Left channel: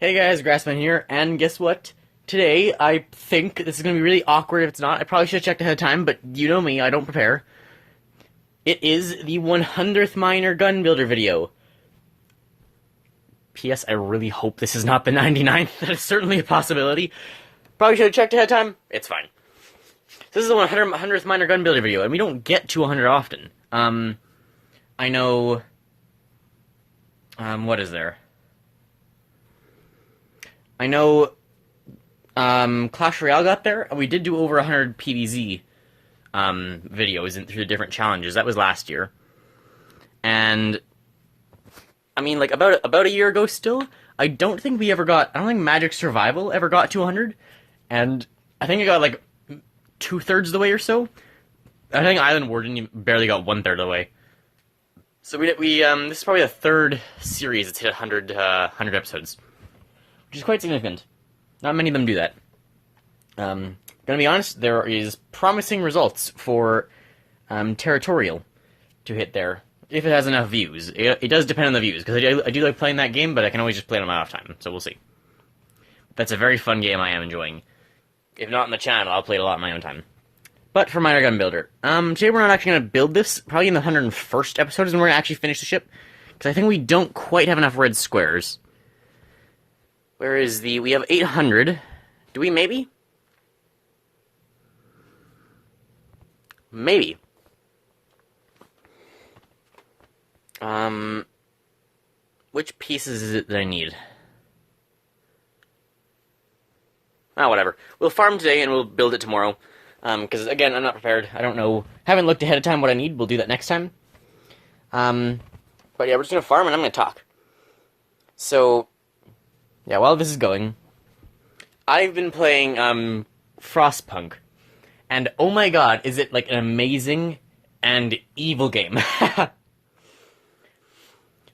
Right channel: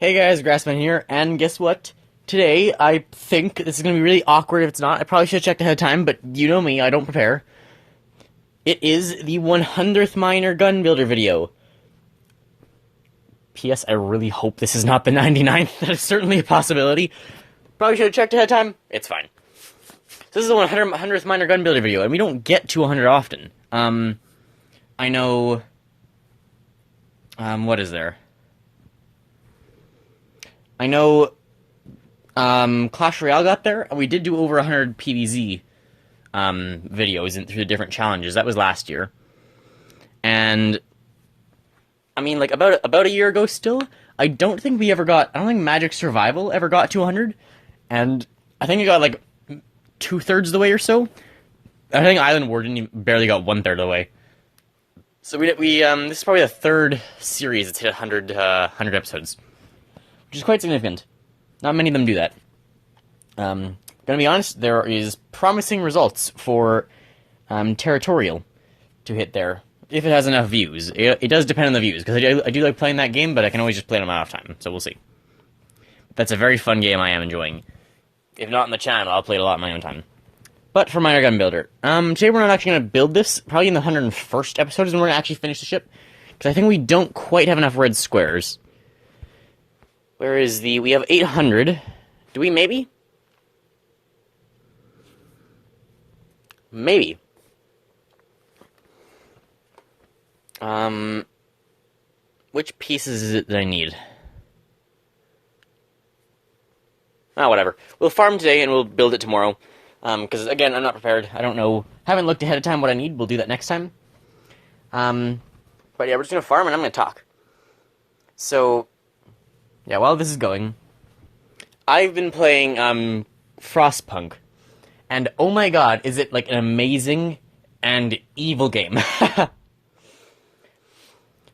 Hey guys, Grassman here, and guess what? Today, I think this is going to be really awkward if it's not. I probably should have checked ahead of time, but you know me, I don't prepare. It is the 100th Miner Gun Builder video. P.S. I really hope this is not the 99th. That is certainly a possibility. Probably should have checked ahead of time. It's fine. So this is the 100th Miner Gun Builder video, and we don't get to 100 often. I know... what is there? I know Clash Royale got there, and we did do over 100 PvZ videos through the different challenges. That was last year. And, I mean, like, about a year ago still, I don't think Magic Survival ever got to 100, and I think it got, like, 2/3 of the way or so. I think Island War barely got 1/3 of the way. So this is probably the third series that's hit 100 episodes, which is quite significant. Not many of them do that. Gonna be honest, there is promising results for Territorial to hit there, if it has enough views. It does depend on the views, because I do like playing that game, but I can always just play it on my off time, so we'll see. That's a very fun game I am enjoying. If not on the channel, I'll play it a lot in my own time. But for Miner Gun Builder, today we're not actually going to build this, probably in the 101st episode is when we're going to actually finish the ship, because I think we don't quite have enough red squares. Where is we have 800. Do we maybe? Maybe. Which pieces is it that I need? Oh, whatever. We'll farm today and we'll build it tomorrow. Because, again, I'm not prepared. I don't know. Haven't looked ahead of time what I need. We'll do that next time. But yeah, we're just going to farm and I'm going to talk. So, yeah, while this is going, I've been playing, Frostpunk. And, oh my god, is it, like, an amazing and evil game.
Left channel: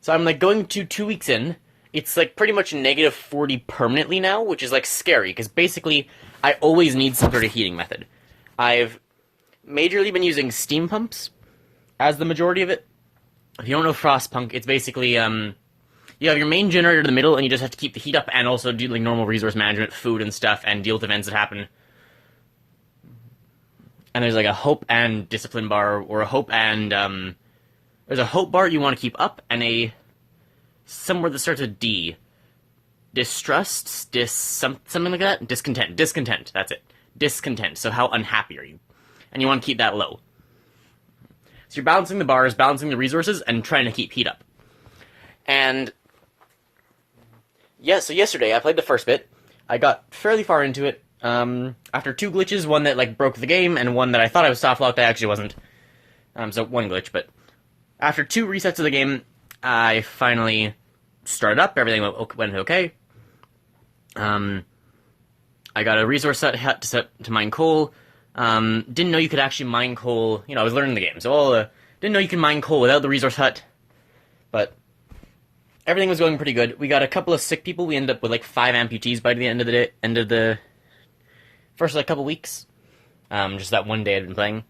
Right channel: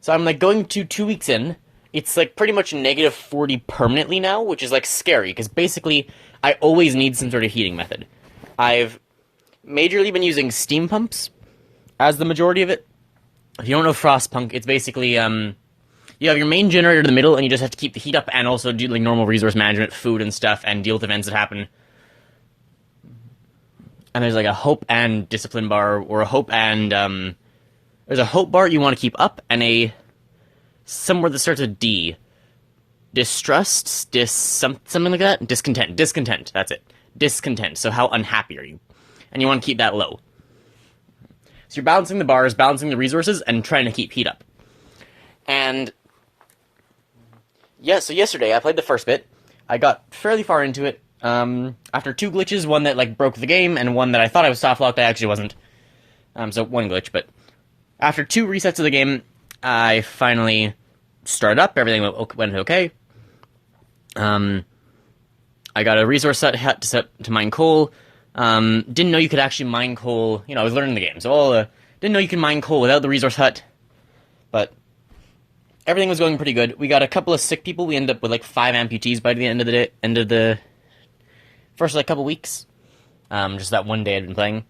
So I'm, like, going to 2 weeks in. It's, like, pretty much -40 permanently now, which is, like, scary. Because, basically, I always need some sort of heating method. I've majorly been using steam pumps as the majority of it. If you don't know Frostpunk, it's basically, you have your main generator in the middle, and you just have to keep the heat up, and also do, like, normal resource management, food and stuff, and deal with events that happen. And there's, like, a hope and discipline bar, or a hope and, there's a hope bar you want to keep up, and somewhere that starts with D. Distrust? Something like that? Discontent, that's it. Discontent, so how unhappy are you? And you want to keep that low. So you're balancing the bars, balancing the resources, and trying to keep heat up. And, yeah, so yesterday I played the first bit. I got fairly far into it. After 2 glitches, one that, like, broke the game, and one that I thought I was soft-locked, I actually wasn't. So one glitch, but after 2 resets of the game, I finally started up, everything went okay. I got a resource hut to mine coal. Didn't know you could actually mine coal. You know, I was learning the game, so didn't know you could mine coal without the resource hut. But everything was going pretty good. We got a couple of sick people. We ended up with like 5 amputees by the end of the first like couple weeks. Just that one day I'd been playing,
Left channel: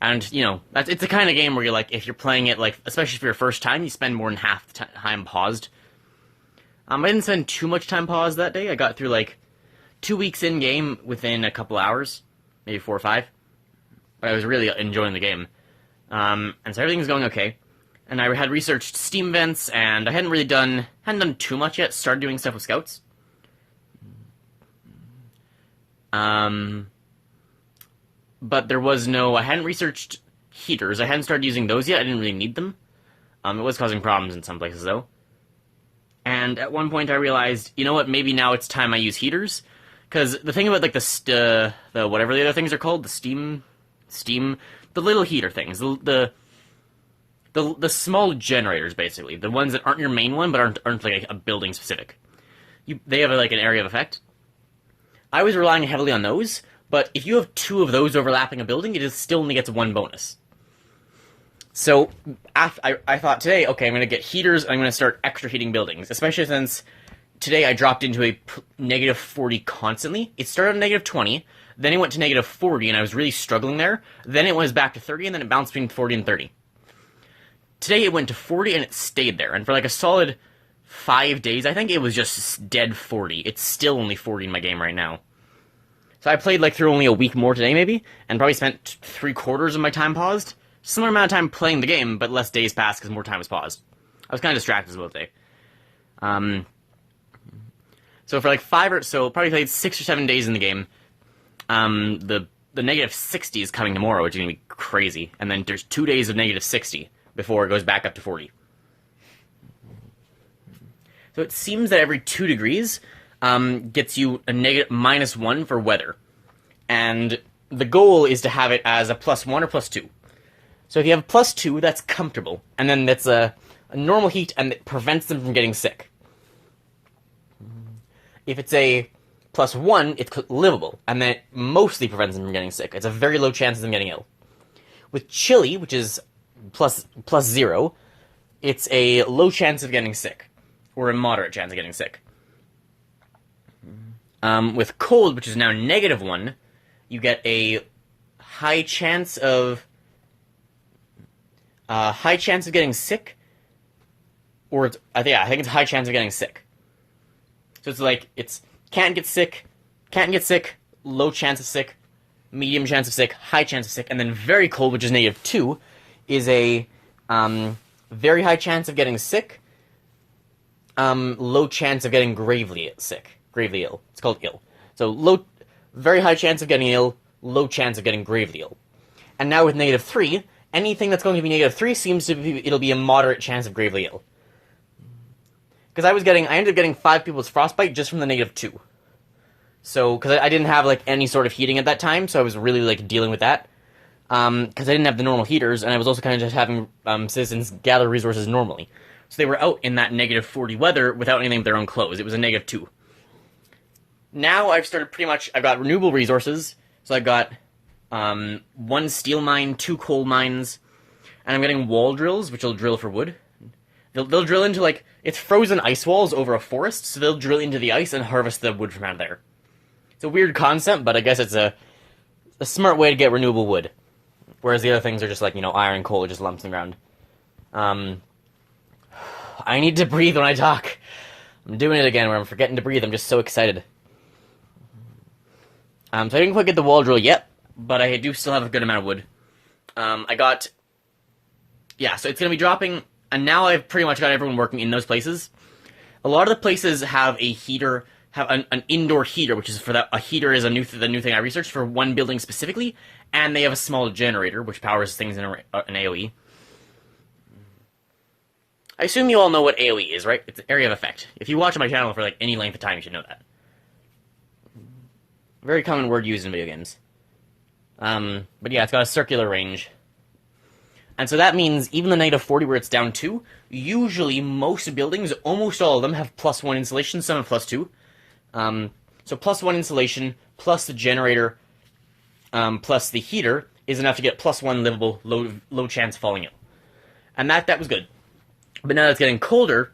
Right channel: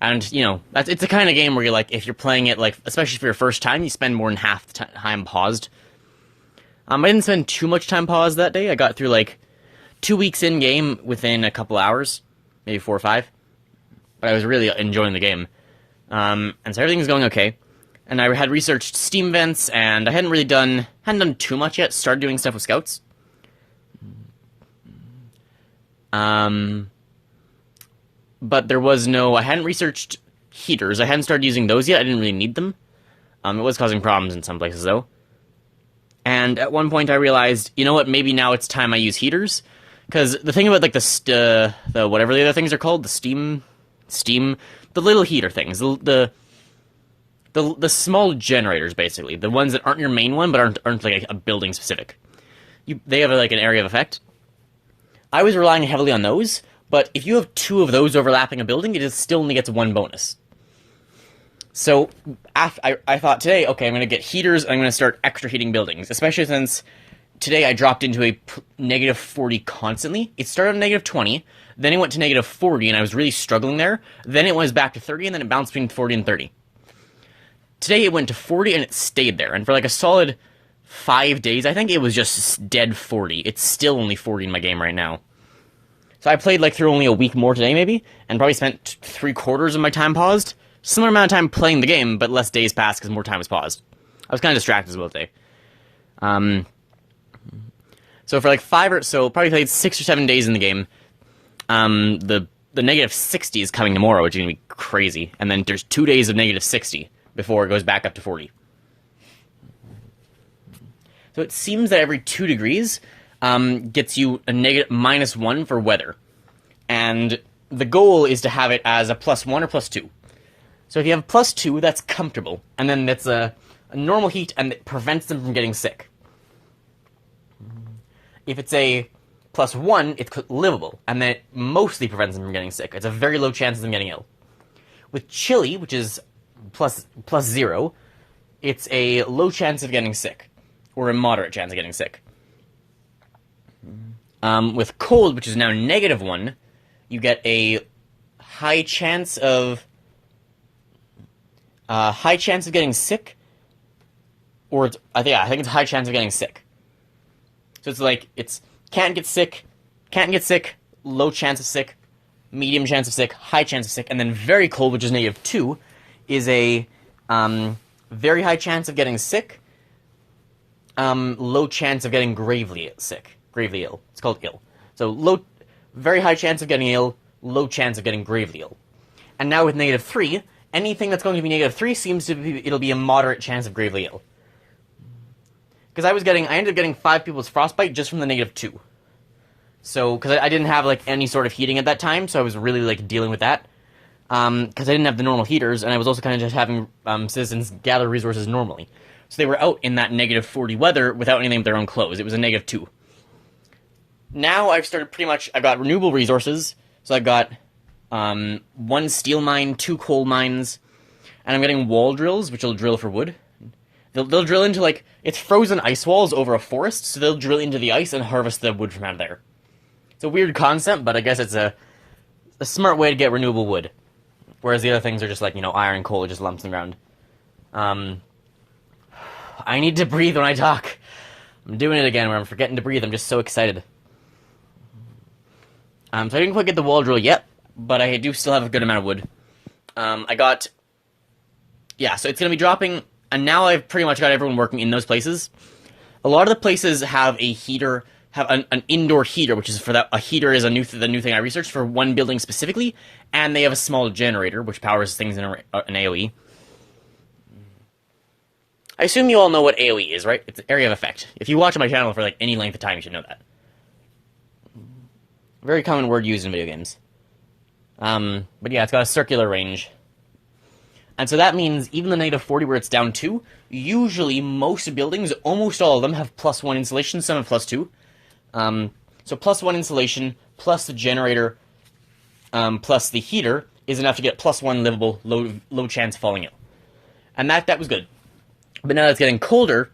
and you know, it's the kind of game where you're like, if you're playing it like, especially for your first time, you spend more than half the time paused. I didn't spend too much time paused that day. I got through like 2 weeks in game within a couple hours, maybe 4 or 5. But I was really enjoying the game. And so everything was going okay. And I had researched Steam vents, and I hadn't done too much yet. Started doing stuff with scouts. But I hadn't researched heaters. I hadn't started using those yet. I didn't really need them. It was causing problems in some places, though. And at one point I realized, you know what, maybe now it's time I use heaters. Because the thing about, like, the whatever the other things are called, the steam, the little heater things, the small generators, basically, the ones that aren't your main one, but aren't like, a building specific. They have, like, an area of effect. I was relying heavily on those, but if you have 2 of those overlapping a building, it still only gets 1 bonus. So, I thought today, okay, I'm going to get heaters, and I'm going to start extra heating buildings, especially since today I dropped into a -40 constantly. It started at -20, then it went to -40, and I was really struggling there. Then it was back to 30, and then it bounced between 40 and 30. Today it went to 40, and it stayed there, and for like a solid 5 days, I think it was just dead 40. It's still only 40 in my game right now. So I played like through only a week more today, maybe, and probably spent 3/4 of my time paused. Similar amount of time playing the game, but less days passed because more time was paused. I was kind of distracted as well today. So for like probably played 6 or 7 days in the game. The negative 60 is coming tomorrow, which is gonna be crazy, and then there's 2 days of negative 60 before it goes back up to 40. So it seems that every 2 degrees gets you a -1 for weather. And the goal is to have it as a +1 or +2. So if you have a +2, that's comfortable. And then that's a normal heat and it prevents them from getting sick. If it's a +1, it's livable. And then it mostly prevents them from getting sick. It's a very low chance of them getting ill. With chilly, which is +0, it's a low chance of getting sick. Or a moderate chance of getting sick. With cold, which is now -1, you get a high chance of getting sick, or I think it's a high chance of getting sick. So it's like it's can't get sick, low chance of sick, medium chance of sick, high chance of sick, and then very cold, which is -2, is a very high chance of getting sick. Low chance of getting gravely ill. It's called ill. So very high chance of getting ill, low chance of getting gravely ill. And now with -3, anything that's going to be -3 seems to be, it'll be a moderate chance of gravely ill. Because I ended up getting 5 people with frostbite just from the -2. So, because I didn't have, like, any sort of heating at that time, so I was really, like, dealing with that. Because I didn't have the normal heaters, and I was also kind of just having citizens gather resources normally. So they were out in that -40 weather without anything of their own clothes. It was a -2. Now I've started I got renewable resources, so I've got 1 steel mine, 2 coal mines, and I'm getting wall drills, which will drill for wood. They'll drill into, like, it's frozen ice walls over a forest, so they'll drill into the ice and harvest the wood from out of there. It's a weird concept, but I guess it's a smart way to get renewable wood. Whereas the other things are just like, iron and coal, just lumps around. I need to breathe when I talk. I'm doing it again where I'm forgetting to breathe. I'm just so excited. So I didn't quite get the wall drill yet, but I do still have a good amount of wood. So it's going to be dropping, and now I've pretty much got everyone working in those places. A lot of the places have a heater, have an indoor heater, which is for that. A heater is the new thing I researched for one building specifically, and they have a small generator, which powers things in an AoE. I assume you all know what AoE is, right? It's area of effect. If you watch my channel for, like, any length of time, you should know that. Very common word used in video games. But yeah, it's got a circular range. And so that means even the -40 where it's down 2, usually most buildings, almost all of them, have +1 insulation, some have +2. So +1 insulation, plus the generator, plus the heater, is enough to get +1 livable, low chance of falling in. And that was good. But now that it's getting colder,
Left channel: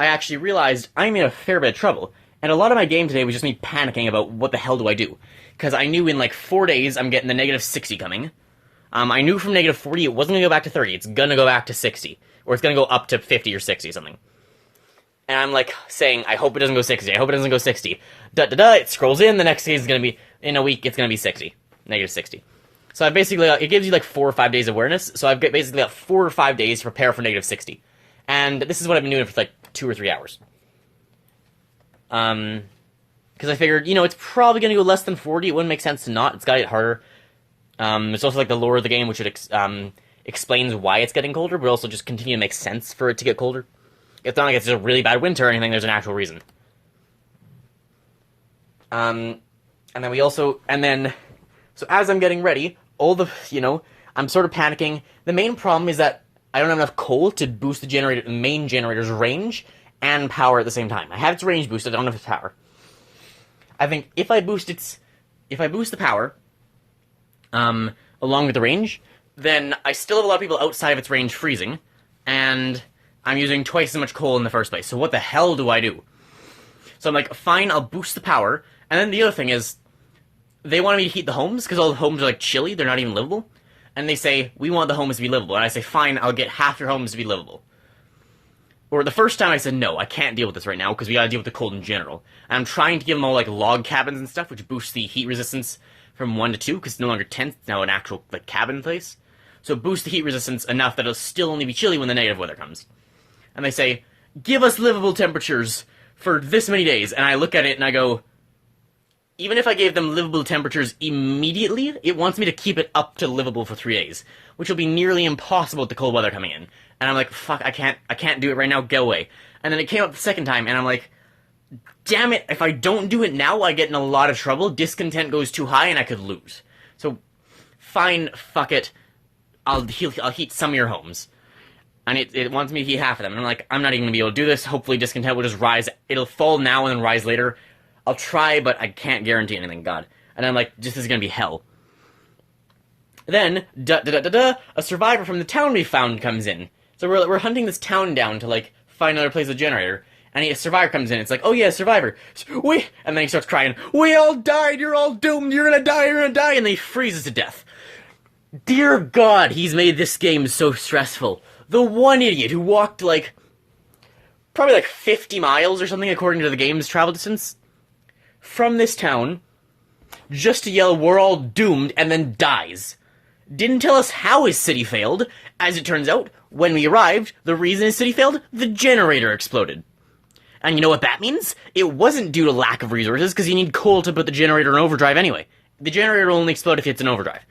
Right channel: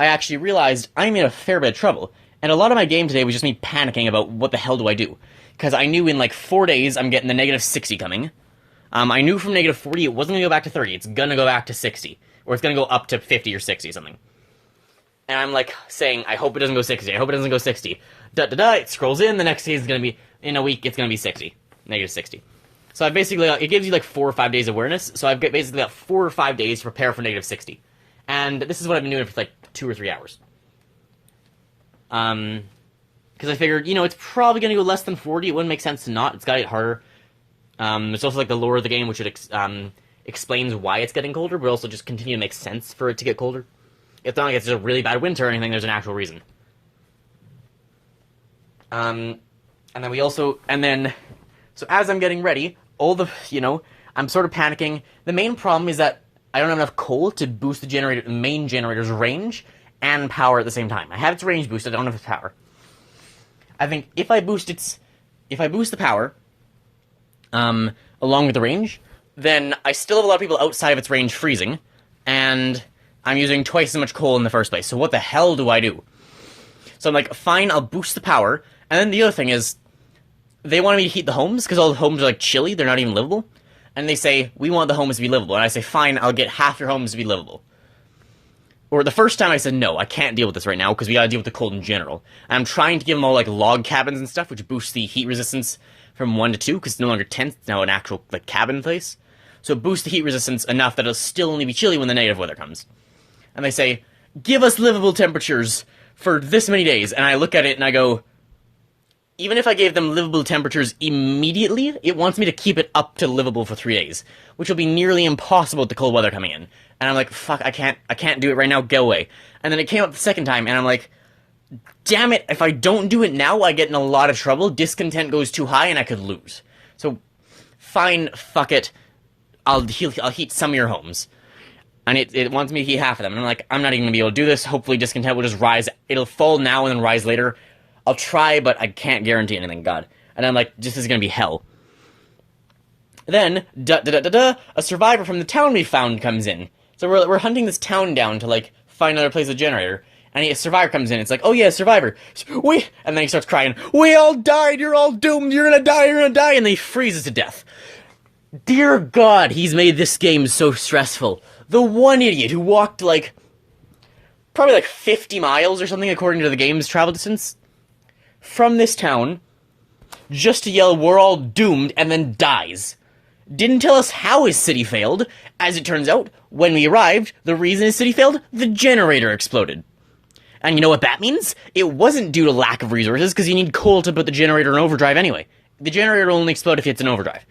I actually realized I'm in a fair bit of trouble. And a lot of my game today was just me panicking about what the hell do I do. Because I knew in like 4 days I'm getting the -60 coming. I knew from -40 it wasn't going to go back to 30. It's going to go back to 60. Or it's going to go up to 50 or 60 or something. And I'm like saying, I hope it doesn't go 60. I hope it doesn't go 60. It scrolls in. The next day is going to be, in a week, it's going to be 60. -60. So I basically, it gives you like 4 or 5 days awareness. So I've basically got 4 or 5 days to prepare for -60. And this is what I've been doing for like 2 or 3 hours. Because I figured, it's probably going to go less than 40. It wouldn't make sense to not. It's got to get harder. It's also like the lore of the game, which explains why it's getting colder, but also just continue to make sense for it to get colder. It's not like it's a really bad winter or anything. There's an actual reason. So as I'm getting ready, I'm sort of panicking. The main problem is that I don't have enough coal to boost the main generator's range and power at the same time. I have its range boosted, I don't have its power. I think if I boost the power, along with the range, then I still have a lot of people outside of its range freezing, and I'm using twice as much coal in the first place. So what the hell do I do? So I'm like, fine, I'll boost the power, and then the other thing is, they want me to heat the homes, because all the homes are like chilly, they're not even livable. And they say, we want the homes to be livable. And I say, fine, I'll get half your homes to be livable. Or the first time I said, no, I can't deal with this right now, because we gotta deal with the cold in general. And I'm trying to give them all, like, log cabins and stuff, which boosts the heat resistance from 1 to 2, because it's no longer tent, it's now an actual, like, cabin place. So it boosts the heat resistance enough that it'll still only be chilly when the negative weather comes. And they say, give us livable temperatures for this many days. And I look at it and I go, even if I gave them livable temperatures immediately, it wants me to keep it up to livable for 3 days, which will be nearly impossible with the cold weather coming in. And I'm like, fuck, I can't do it right now, go away. And then it came up the second time, and I'm like, damn it, if I don't do it now, I get in a lot of trouble, discontent goes too high, and I could lose. So, fine, fuck it, I'll heat some of your homes. And it wants me to heat half of them, and I'm like, I'm not even gonna be able to do this, hopefully discontent will just rise, it'll fall now and then rise later. I'll try, but I can't guarantee anything, God. And I'm like, this is gonna be hell. Then, a survivor from the town we found comes in. So we're hunting this town down to, like, find another place with a generator. And a survivor comes in, it's like, oh yeah, survivor. And then he starts crying, we all died, you're all doomed, you're gonna die, and then he freezes to death. Dear God, he's made this game so stressful. The one idiot who walked, like, probably like 50 miles or something according to the game's travel distance, from this town, just to yell, we're all doomed, and then dies. Didn't tell us how his city failed. As it turns out, when we arrived, the reason his city failed, the generator exploded. And you know what that means? It wasn't due to lack of resources, because you need coal to put the generator in overdrive anyway. The generator will only explode if it's in overdrive.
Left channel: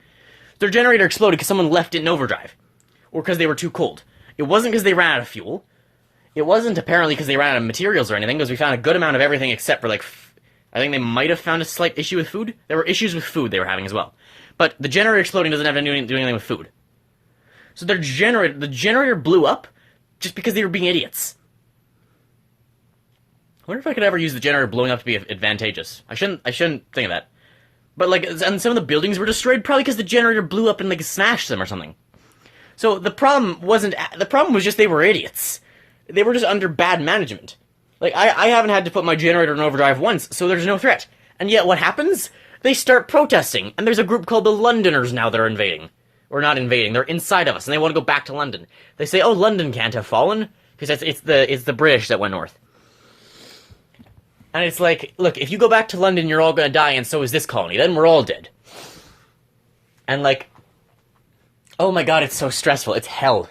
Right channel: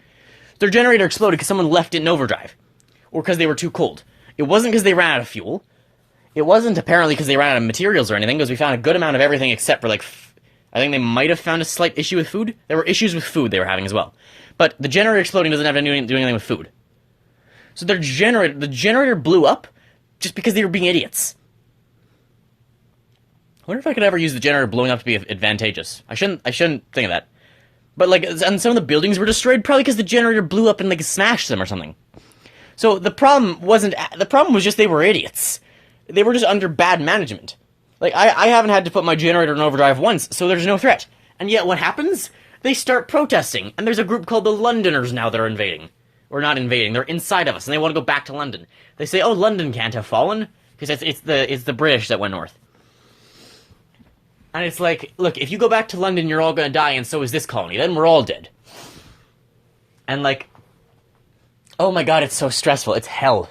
Their generator exploded because someone left it in overdrive. Or because they were too cold. It wasn't because they ran out of fuel. It wasn't apparently because they ran out of materials or anything, because we found a good amount of everything except for, like, I think they might have found a slight issue with food. There were issues with food they were having as well. But the generator exploding doesn't have to do anything with food. So the generator blew up just because they were being idiots. I wonder if I could ever use the generator blowing up to be advantageous. I shouldn't think of that. But, like, and some of the buildings were destroyed probably because the generator blew up and, like, smashed them or something. So the problem was just they were idiots. They were just under bad management. Like, I haven't had to put my generator in overdrive once, so there's no threat. And yet what happens? They start protesting, and there's a group called the Londoners now that are invading. Or not invading, they're inside of us, and they want to go back to London. They say, oh, London can't have fallen, because it's the British that went north. And it's like, look, if you go back to London, you're all gonna die, and so is this colony. Then we're all dead. And, like, oh my God, it's so stressful. It's hell.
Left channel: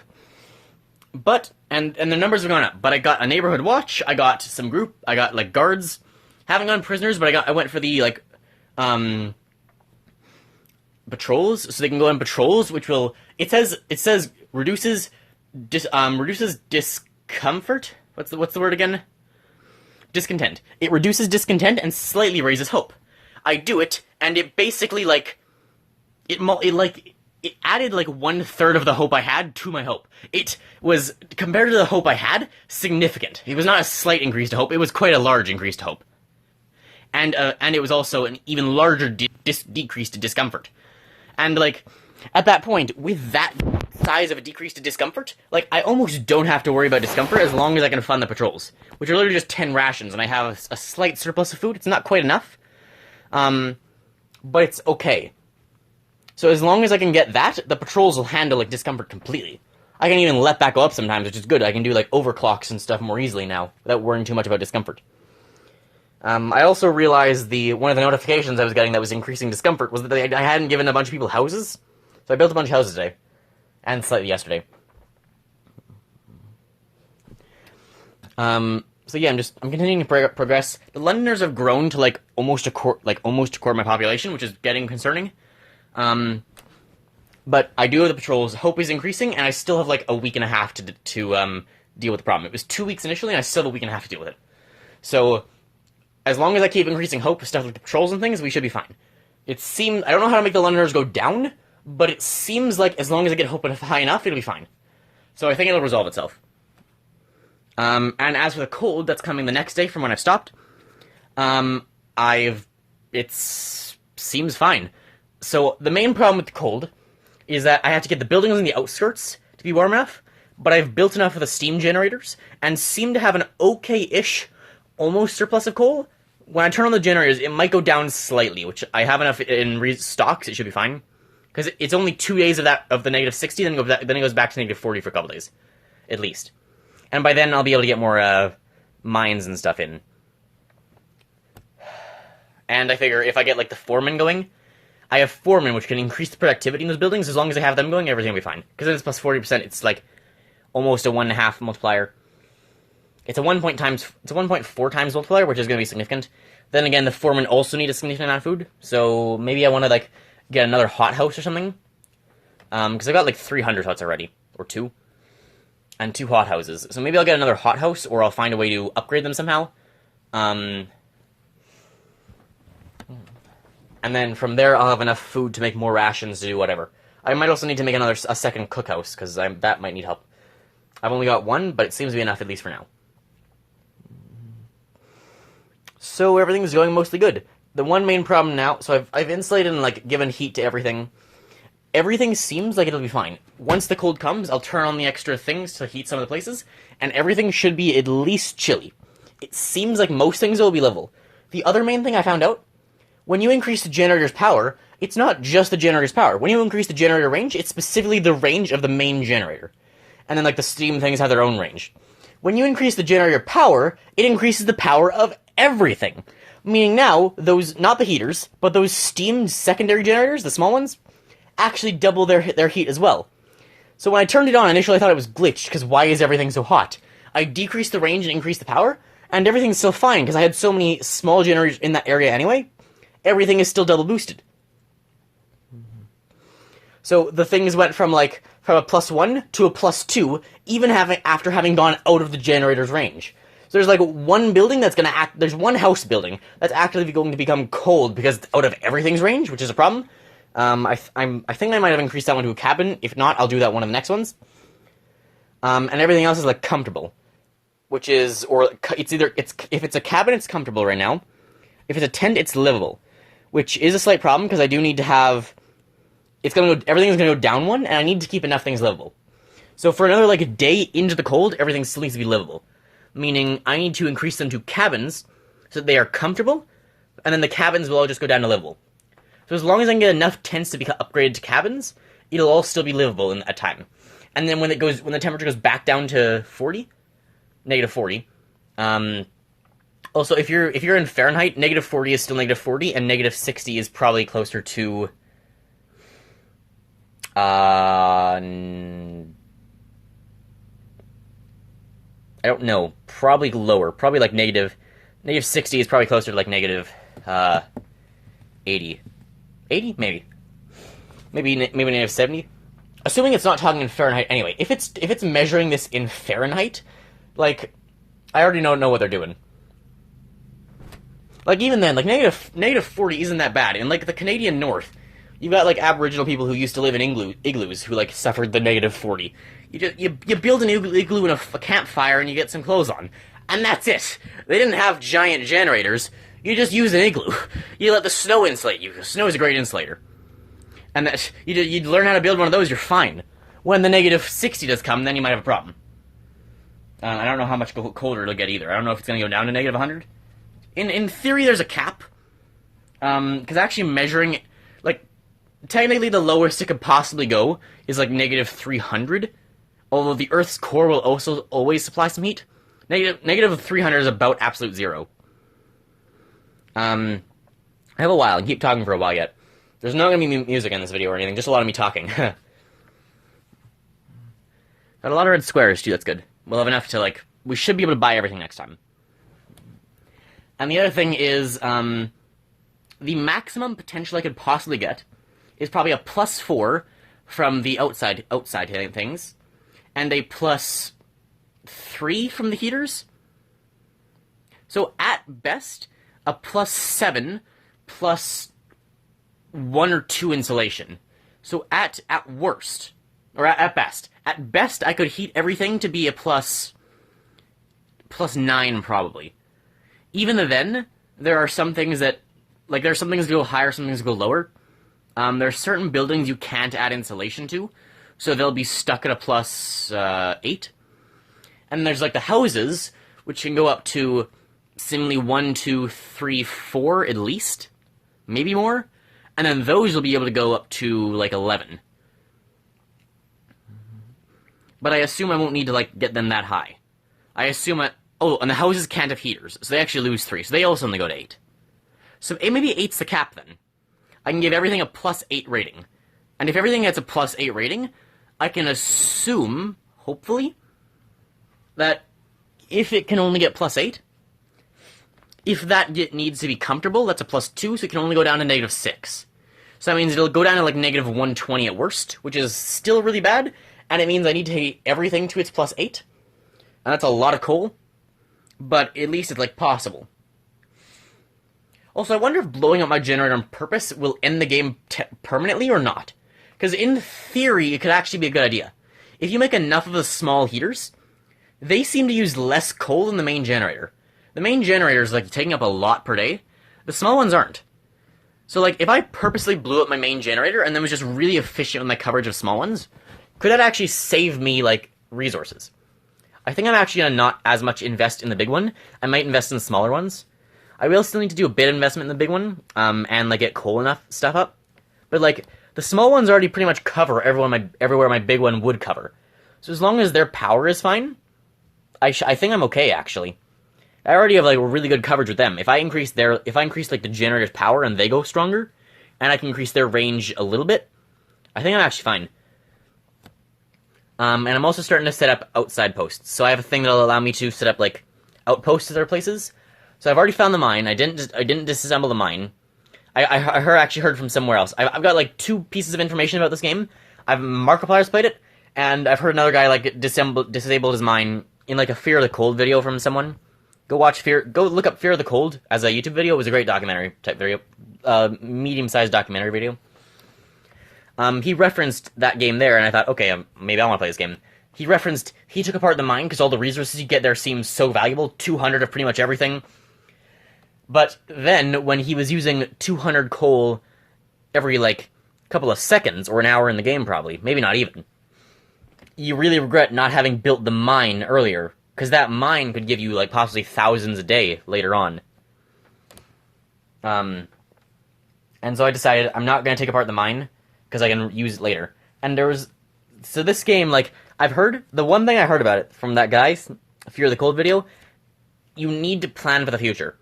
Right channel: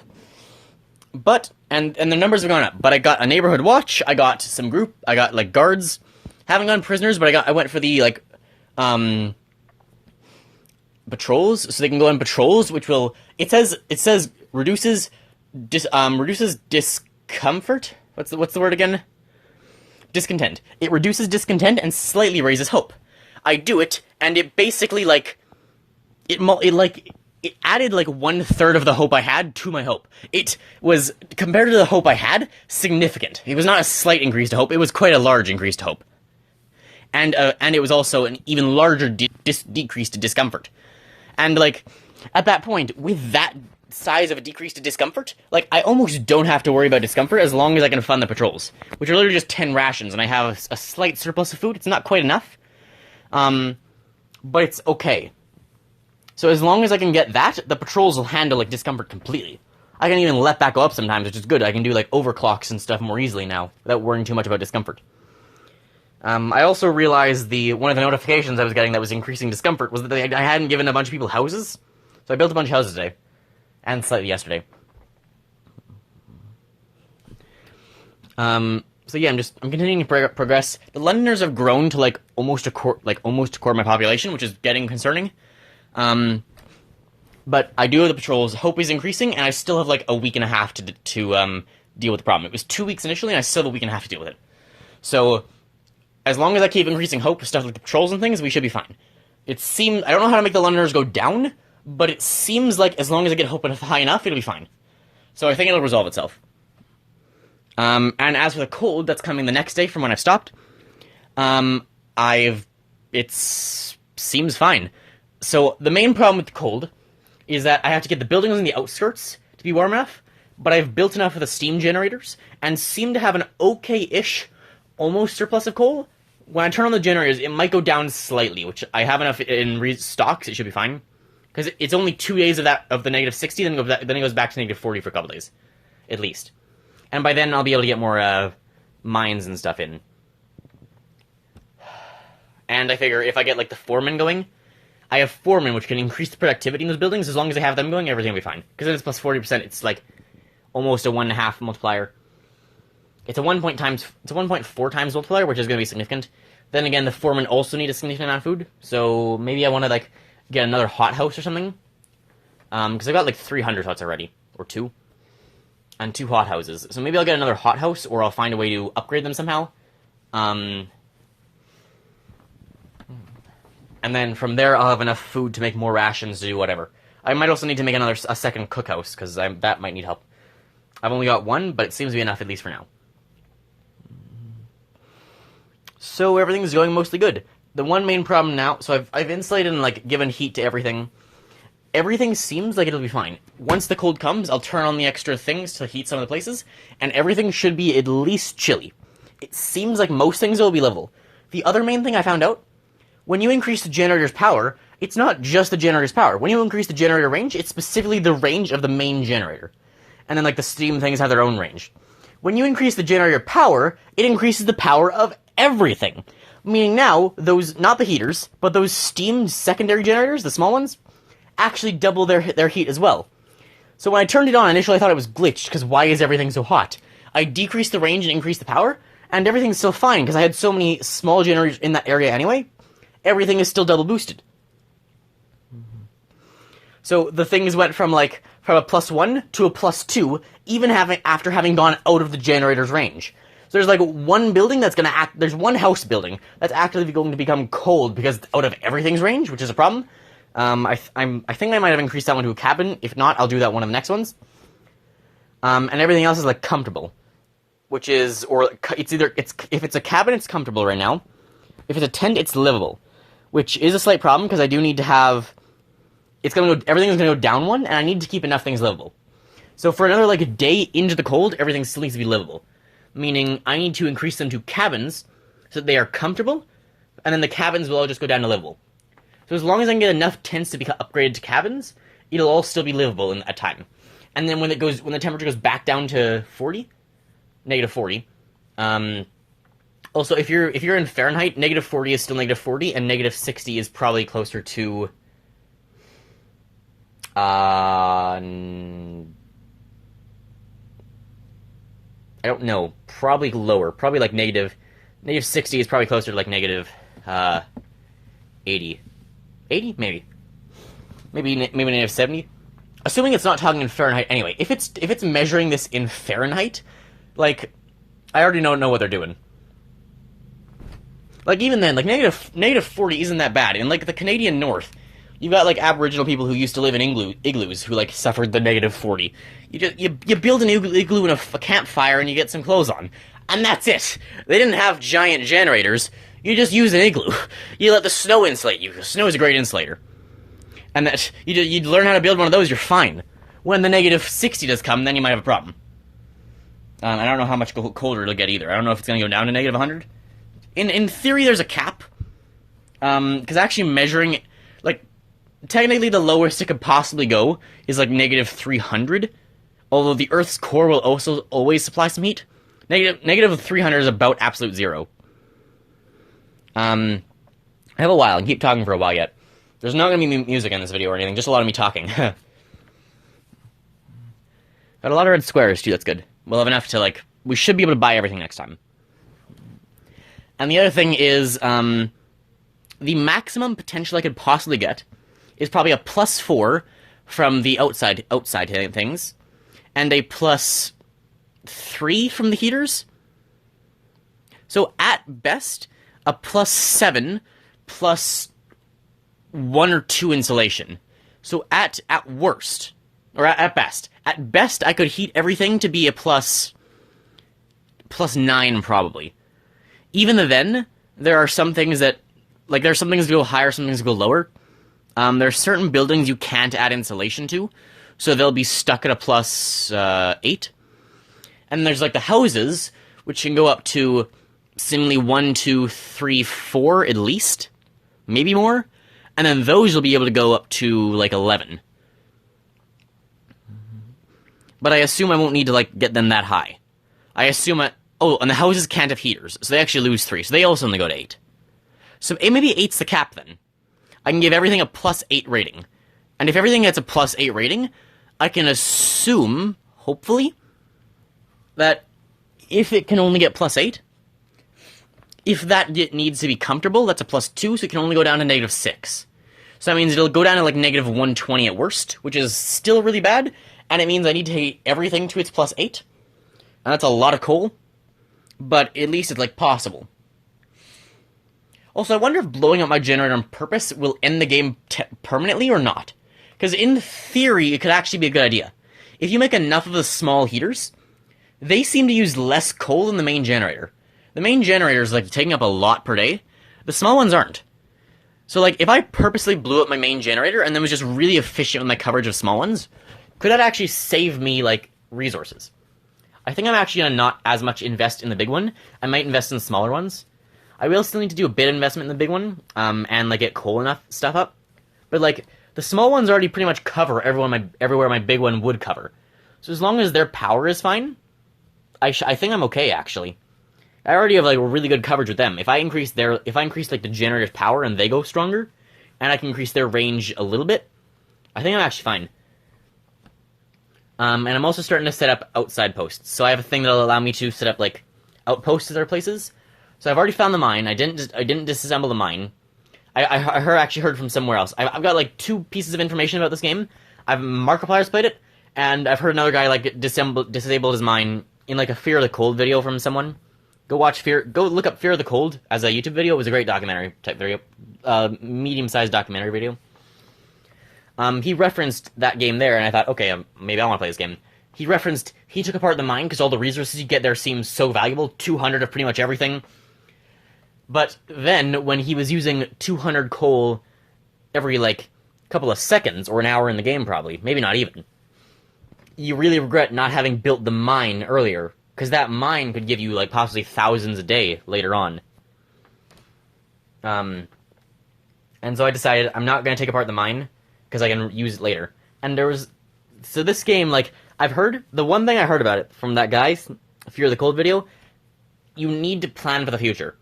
But, and the numbers are going up. But I got a neighborhood watch, I got like, guards. Haven't gotten prisoners, but I went for the, like, patrols, so they can go on patrols, which will, it says reduces discomfort? What's the word again? Discontent. It reduces discontent and slightly raises hope. I do it, and it basically, like, it added, like, 1/3 of the hope I had to my hope. It was, compared to the hope I had, significant. It was not a slight increase to hope, it was quite a large increase to hope. And it was also an even larger decrease to discomfort. And, like, at that point, with that size of a decrease to discomfort, like, I almost don't have to worry about discomfort as long as I can fund the patrols, which are literally just 10 rations, and I have a slight surplus of food. It's not quite enough, but it's okay. So as long as I can get that, the patrols will handle, like, discomfort completely. I can even let that go up sometimes, which is good. I can do, like, overclocks and stuff more easily now, without worrying too much about discomfort. I also realized one of the notifications I was getting that was increasing discomfort was that I hadn't given a bunch of people houses. So I built a bunch of houses today. And slightly yesterday. So yeah, I'm continuing to progress. The Londoners have grown to, like, almost a quarter of my population, which is getting concerning. But I do have the patrols. Hope is increasing, and I still have, like, a week and a half to deal with the problem. It was 2 weeks initially, and I still have a week and a half to deal with it. So, as long as I keep increasing hope with stuff like the patrols and things, we should be fine. I don't know how to make the Londoners go down, but it seems like as long as I get hope high enough, it'll be fine. So I think it'll resolve itself. And as for the cold that's coming the next day from when I've stopped, it seems fine. So the main problem with the cold is that I have to get the buildings on the outskirts to be warm enough, but I've built enough of the steam generators and seem to have an okay-ish almost surplus of coal. When I turn on the generators, it might go down slightly, which I have enough in stocks, it should be fine. Because it's only 2 days of the negative 60, then it goes back to negative 40 for a couple days. At least. And by then, I'll be able to get more mines and stuff in. And I figure if I get, like, the foreman going, I have foremen, which can increase the productivity in those buildings. As long as I have them going, everything will be fine. Because then it's plus 40%, it's, like, almost a 1.5 multiplier. It's a 1.4 times multiplier, which is going to be significant. Then again, the foremen also need a significant amount of food, so maybe I want to, like, get another hothouse or something. Because I've got, like, 300 huts already, or 2. And 2 hothouses. So maybe I'll get another hothouse, or I'll find a way to upgrade them somehow. And then from there, I'll have enough food to make more rations to do whatever. I might also need to make a second cookhouse, because that might need help. I've only got 1, but it seems to be enough, at least for now. So everything's going mostly good. The one main problem now, so I've insulated and, like, given heat to everything. Everything seems like it'll be fine. Once the cold comes, I'll turn on the extra things to heat some of the places, and everything should be at least chilly. It seems like most things will be livable. The other main thing I found out, when you increase the generator's power, it's not just the generator's power. When you increase the generator range, it's specifically the range of the main generator. And then, like, the steam things have their own range. When you increase the generator power, it increases the power of everything. Meaning now, those, not the heaters, but those steam secondary generators, the small ones, actually double their heat as well. So when I turned it on, initially I thought it was glitched, because why is everything so hot? I decreased the range and increased the power, and everything's still fine, because I had so many small generators in that area anyway. Everything is still double boosted. So the things went from a +1 to a +2, even after having gone out of the generator's range. So there's, like, one building that's going to there's one house building that's actually going to become cold because it's out of everything's range, which is a problem. I think I might have increased that one to a cabin. If not, I'll do that one of the next ones. And everything else is, like, comfortable. Which is, or it's either, if it's a cabin, it's comfortable right now. If it's a tent, it's livable. Which is a slight problem, because I do need to have, everything's gonna go down one, and I need to keep enough things livable. So for another, like, a day into the cold, everything still needs to be livable. Meaning, I need to increase them to cabins, so that they are comfortable, and then the cabins will all just go down to livable. So as long as I can get enough tents to be upgraded to cabins, it'll all still be livable at time. And then when the temperature goes back down to 40, negative 40, also if you're in Fahrenheit, negative 40 is still negative 40, and negative 60 is probably closer to, I don't know, probably lower, probably like negative 60 is probably closer to like negative, 80. 80? Maybe negative 70? Assuming it's not talking in Fahrenheit anyway. If it's measuring this in Fahrenheit, like, I already know what they're doing. Like, even then, like, negative 40 isn't that bad. In, like, the Canadian North, you've got, like, Aboriginal people who used to live in igloos who, like, suffered the negative 40. You build an igloo in a campfire and you get some clothes on. And that's it. They didn't have giant generators. You just use an igloo. You let the snow insulate you, because snow is a great insulator. And that you'd learn how to build one of those, you're fine. When the negative 60 does come, then you might have a problem. I don't know how much colder it'll get either. I don't know if it's going to go down to negative 100. In theory, there's a cap. Because actually measuring, like, technically the lowest it could possibly go is, like, negative 300. Although the Earth's core will also always supply some heat. Negative 300 is about absolute zero. I have a while. I can keep talking for a while yet. There's not going to be music in this video or anything, just a lot of me talking. Got a lot of red squares, too, that's good. We'll have enough to, like, we should be able to buy everything next time. And the other thing is, the maximum potential I could possibly get is probably a +4 from the outside things, and a +3 from the heaters. So, at best, a +7 plus 1 or 2 insulation. So at worst, or at best, I could heat everything to be a +9 probably. Even then, there are some things that, like, there are some things that go higher, some things that go lower. There are certain buildings you can't add insulation to, so they'll be stuck at a +8. And there's, like, the houses, which can go up to seemingly 1, 2, 3, 4 at least, maybe more, and then those will be able to go up to, like, 11. But I assume I won't need to, like, get them that high. I assume oh, and the houses can't have heaters, so they actually lose 3, so they also only go to 8. So maybe 8's the cap then. I can give everything a +8 rating. And if everything gets a +8 rating, I can assume, hopefully, that if it can only get +8, if that needs to be comfortable, that's a +2, so it can only go down to -6. So that means it'll go down to like -120 at worst, which is still really bad, and it means I need to take everything to its +8. And that's a lot of coal, but at least it's like possible. Also, I wonder if blowing up my generator on purpose will end the game permanently or not. Because in theory, it could actually be a good idea. If you make enough of the small heaters, they seem to use less coal than the main generator. The main generator is like taking up a lot per day. The small ones aren't. So like, if I purposely blew up my main generator and then was just really efficient with my coverage of small ones, could that actually save me, like, resources? I think I'm actually gonna not as much invest in the big one. I might invest in the smaller ones. I will still need to do a bit of investment in the big one, and like get coal enough stuff up. But like, the small ones already pretty much cover everywhere my big one would cover. So as long as their power is fine, I think I'm okay, actually. I already have like really good coverage with them. If I increase like the generator's power and they go stronger, and I can increase their range a little bit, I think I'm actually fine. And I'm also starting to set up outside posts. So I have a thing that'll allow me to set up like outposts at other places. So I've already found the mine. I didn't disassemble the mine. I actually heard from somewhere else. I've got like 2 pieces of information about this game. Markiplier's played it, and I've heard another guy like disabled his mine in like a Fear of the Cold video from someone. Go look up Fear of the Cold as a YouTube video. It was a great documentary type video, medium-sized documentary video. He referenced that game there, and I thought, okay, maybe I want to play this game. He took apart the mine because all the resources you get there seem so valuable, 200 of pretty much everything. But then, when he was using 200 coal every, like, couple of seconds, or an hour in the game probably, maybe not even, you really regret not having built the mine earlier, because that mine could give you, like, possibly thousands a day later on. And so I decided I'm not going to take apart the mine, because I can use it later. And so this game, like, the one thing I heard about it from that guy, Fear of the Cold video, you need to plan for the future.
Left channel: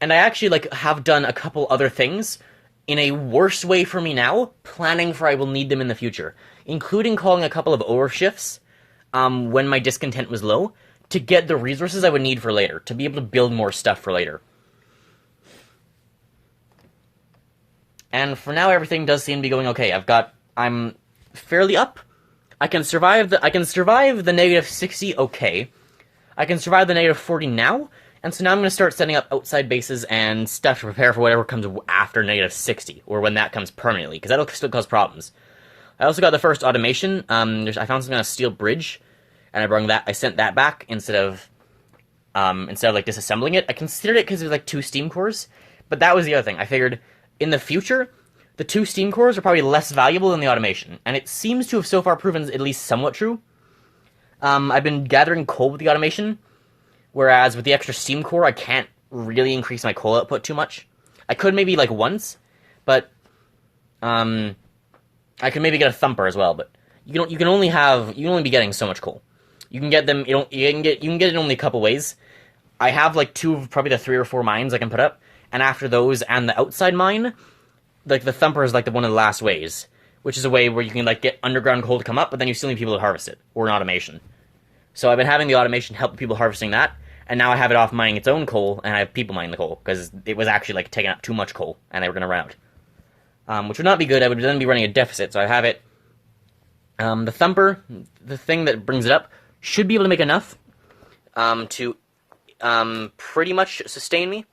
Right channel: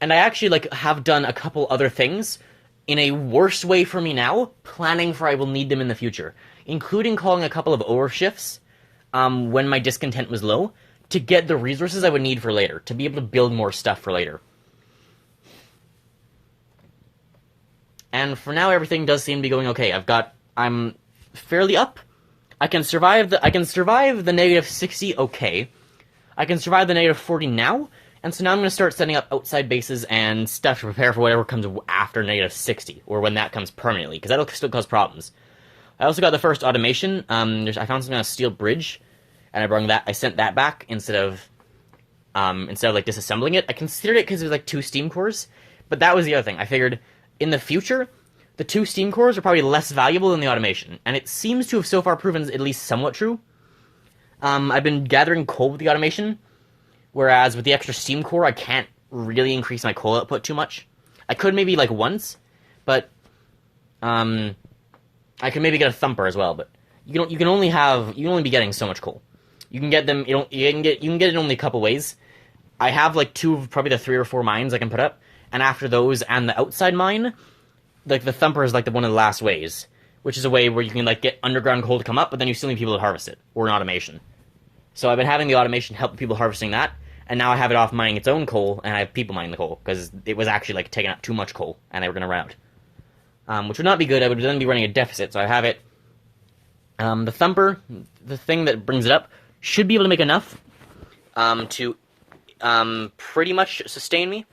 And I actually, like, have done a couple other things in a worse way for me now, planning for I will need them in the future, including calling a couple of overshifts when my discontent was low, to get the resources I would need for later, to be able to build more stuff for later. And for now, everything does seem to be going okay. I'm fairly up. I can survive the -60 okay. I can survive the -40 now, and so now I'm going to start setting up outside bases and stuff to prepare for whatever comes after -60, or when that comes permanently, because that'll still cause problems. I also got the first automation. I found something on a steel bridge, and I sent that back instead of like disassembling it. I considered it because it was like 2 steam cores, but that was the other thing. I figured in the future, the 2 steam cores are probably less valuable than the automation, and it seems to have so far proven at least somewhat true. I've been gathering coal with the automation, whereas with the extra steam core, I can't really increase my coal output too much. I could maybe like once, but I could maybe get a thumper as well. But you can only be getting so much coal. You can get them. You can get it in only a couple ways. I have like 2 of probably the 3 or 4 mines I can put up, and after those and the outside mine, like the thumper is like one of the last ways, which is a way where you can like get underground coal to come up, but then you still need people to harvest it, or an automation. So I've been having the automation help people harvesting that, and now I have it off mining its own coal, and I have people mining the coal, because it was actually like taking up too much coal, and they were going to run out. Which would not be good. I would then be running a deficit, so I have it. The thumper, the thing that brings it up, should be able to make enough to pretty much sustain me,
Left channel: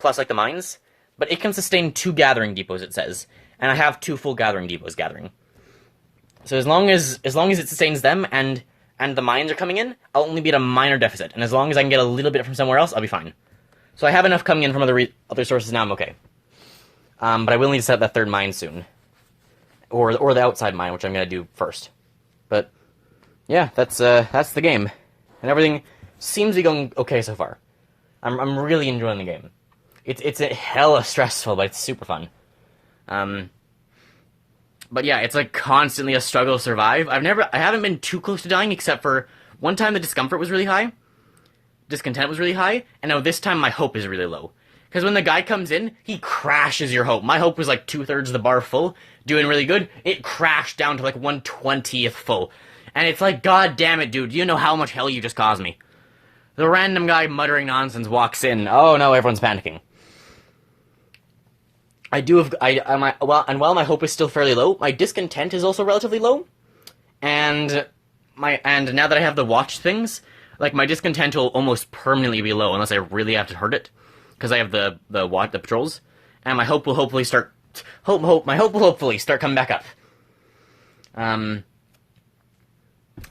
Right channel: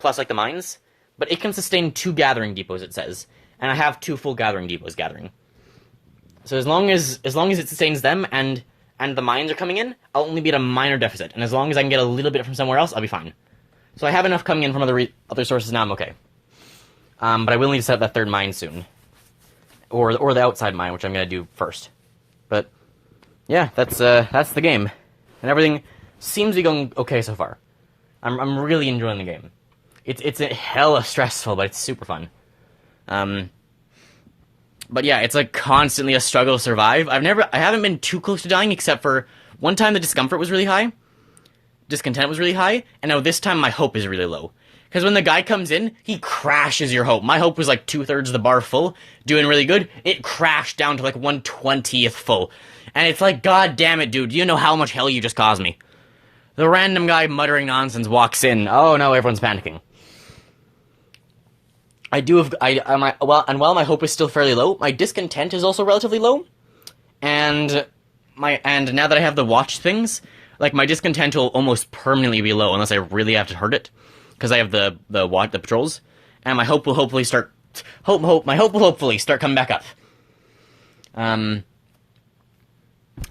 plus like the mines, but it can sustain 2 gathering depots, it says, and I have 2 full gathering depots gathering. So as long as it sustains them and the mines are coming in, I'll only be at a minor deficit, and as long as I can get a little bit from somewhere else, I'll be fine. So I have enough coming in from other sources now. I'm okay. But I will need to set up that 3rd mine soon, or the outside mine, which I'm gonna do first. But yeah, that's the game, and everything seems to be going okay so far. I'm really enjoying the game. It's hella stressful, but it's super fun. But yeah, it's like constantly a struggle to survive. I haven't been too close to dying, except for one time the discomfort was really high, discontent was really high, and now this time my hope is really low. Because when the guy comes in, he crashes your hope. My hope was like 2/3 of the bar full, doing really good. It crashed down to like 1/20th full. And it's like, god damn it, dude, do you know how much hell you just caused me? The random guy muttering nonsense walks in. Oh no, everyone's panicking. While my hope is still fairly low, my discontent is also relatively low. And now that I have the watch things, like my discontent will almost permanently be low unless I really have to hurt it. Because I have the patrols. And my hope will hopefully start coming back up.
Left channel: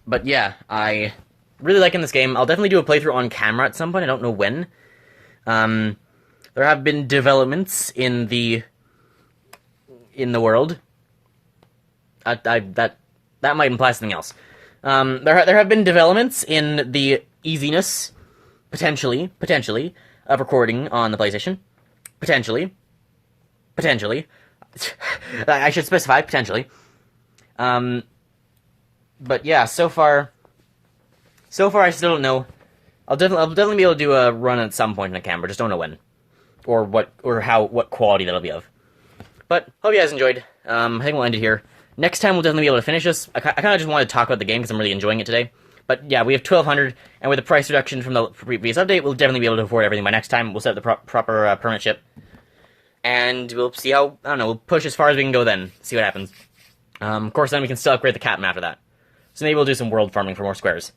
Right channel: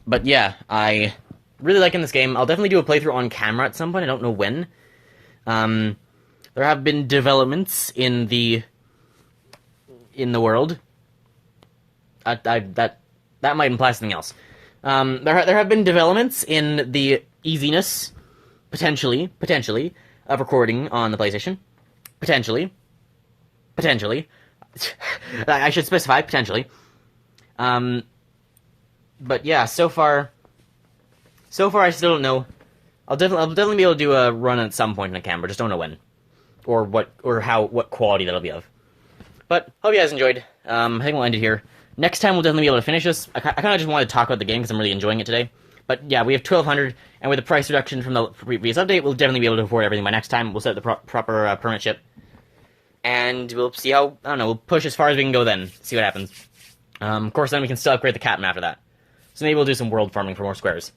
But yeah, I really liking this game. I'll definitely do a playthrough on camera at some point. I don't know when. There have been developments in the world. That might imply something else. There have been developments in the easiness, potentially, of recording on the PlayStation. Potentially. I should specify, potentially. But yeah, so far I still don't know. I'll definitely be able to do a run at some point in a camera, just don't know when. Or what quality that'll be of. But, hope you guys enjoyed. I think we'll end it here. Next time we'll definitely be able to finish this. I kind of just wanted to talk about the game because I'm really enjoying it today. But yeah, we have 1,200, and with the price reduction from the previous update, we'll definitely be able to afford everything by next time. We'll set the proper permit ship. And we'll see how, I don't know, we'll push as far as we can go then. See what happens. Of course, then we can still upgrade the captain after that. So maybe we'll do some world farming for more squares.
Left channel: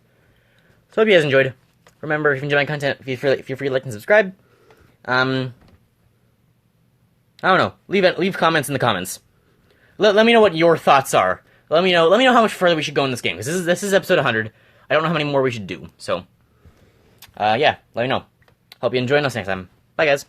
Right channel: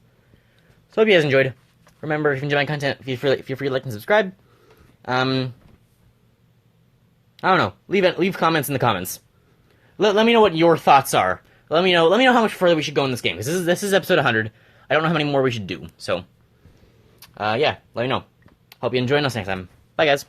So hope you guys enjoyed. Remember, if you enjoy my content, feel free to like and subscribe. I don't know. Leave comments in the comments. Let me know what your thoughts are. Let me know how much further we should go in this game. Because this is episode 100. I don't know how many more we should do. So, yeah, let me know. Hope you enjoy, and I'll see you next time. Bye, guys.